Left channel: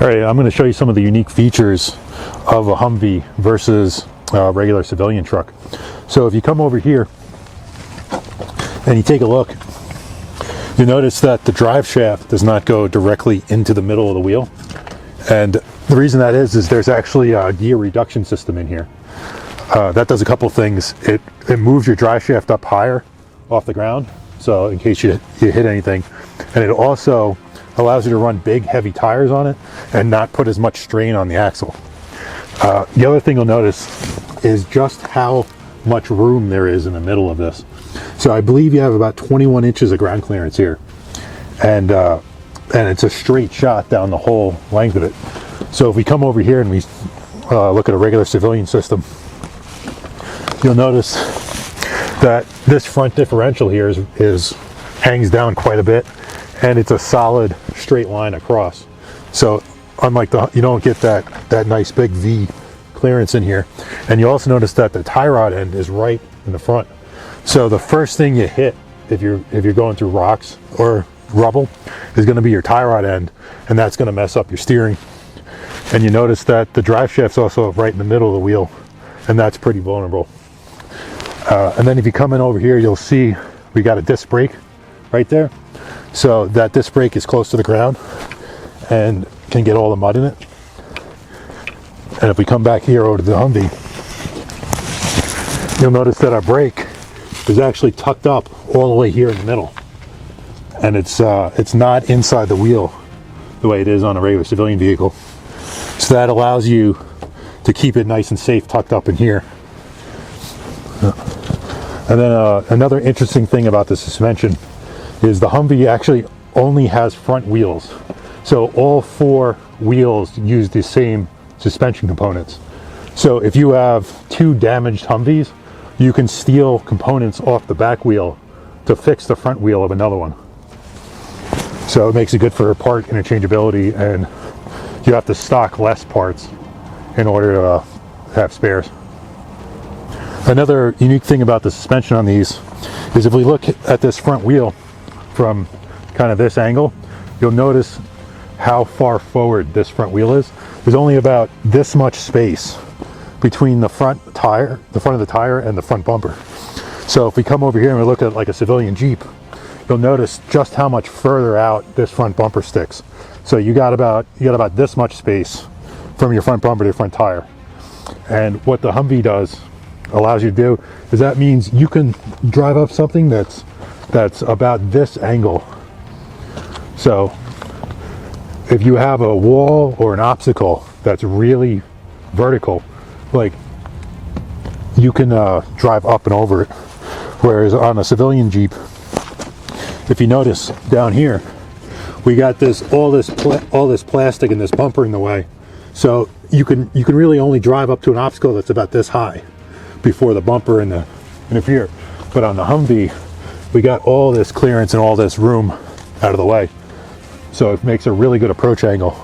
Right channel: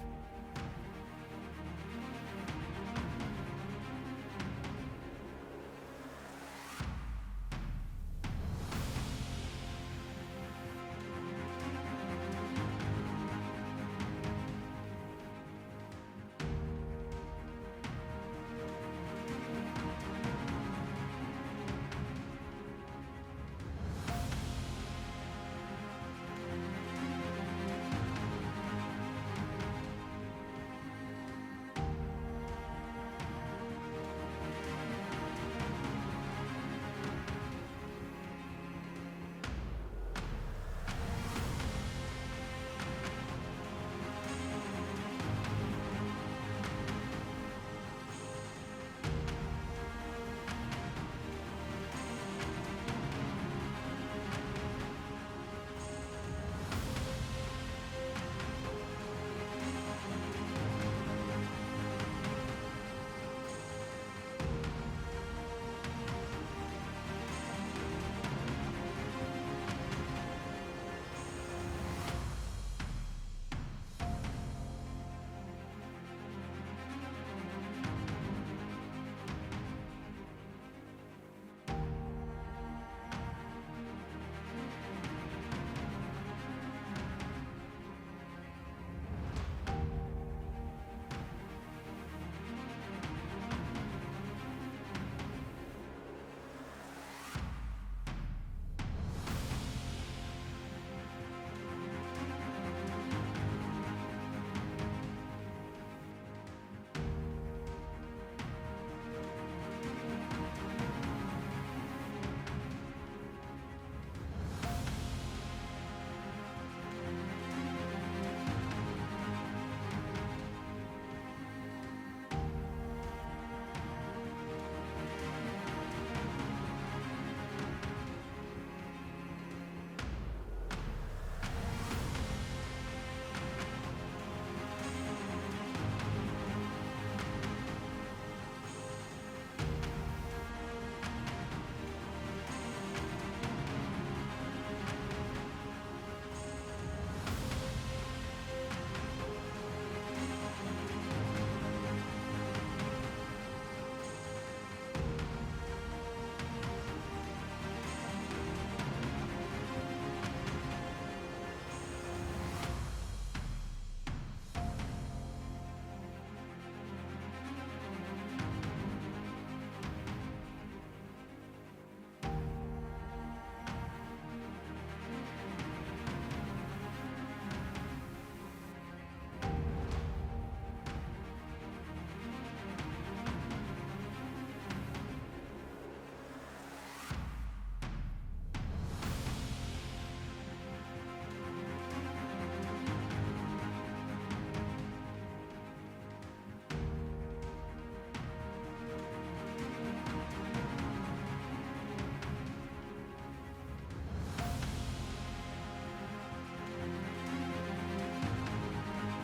All right, I'm going to show you some of the unique features of a Humvee versus a regular civilian truck. So if you come over here and you take a look, you notice that the drive shaft does not go directly into the middle of the wheel. And the reason that is there's actually a gear reduction system in here. That does a couple things. It moves your drive shaft up higher off the ground, so in case you hit anything. And it also allows you to run big, heavy tires on it and not put as much strain on the axle. The other thing you'll notice is just how much room there is in the middle of this. So I believe you have about 21 inches of ground clearance here. And it's a straight shot down the whole length of it. So if we come over here and we look at a regular civilian system, you'll notice that this front differential here hangs down quite a bit, and it's a solid straight line across. So unlike you don't get that nice big V clearance in here. And you also notice that the tie rod end is right in the front. So the first thing you hit if you're going through rocks or rubble is going to be your tie rod end, and that's going to mess up your steering. And you notice that the drive shaft's also right in the middle of the wheel, and that's pretty vulnerable. And then if you come in over here, you'll see we got a disc brake right there. So that disc brake is close to the ground and can get all the mud in it. And if we come back here over to the Humvee, you'll notice that our brake is actually tucked up all the way here in the middle. And it's not inside the wheel the way it is on a regular civilian vehicle. So that allows you to keep it nice and safe tucked up in here. And then another interesting thing about the suspension is the Humvee actually only has front wheels. So all four wheels use the same suspension components. So if you have two damaged Humvees, you can steal components off the back wheel to fix the front wheel of another one. So it makes it good for part interchangeability, and you have to stock less parts in order to have spares. Another unique thing about the suspension on these is if we look at this front wheel from kind of this angle, you'll notice how far forward this front wheel is. There's only about this much space between the front of the tire and the front bumper. So if we come over here and we look at like a civilian Jeep, you'll notice just how much further out this front bumper sticks. So you got about this much space from your front bumper to your front tire. And what the Humvee allows you to do is that means you can drive up something that's about this angle. So if you have a wall or an obstacle that's really vertical, like, you can drive up and over it. Whereas on a civilian Jeep, if you notice down here, we got all this plastic and this bumper in the way. So you can really only drive up to an obstacle that's about this high before the bumper interfere. But on the Humvee, we got all this clearance and all this room out of the way. So it makes a really good approach angle.